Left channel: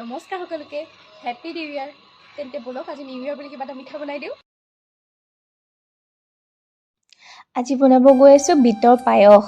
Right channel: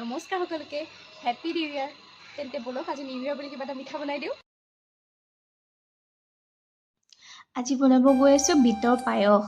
নমস্কাৰ সকলোকে, happy new ইয়াৰ। তেন্তে বলক আজি নিউ ইয়াৰ বুলি কিবা এটা মিঠা বনাই দিওঁ। আজি বনাব গৈ আছোঁ বিটৰ পায়স।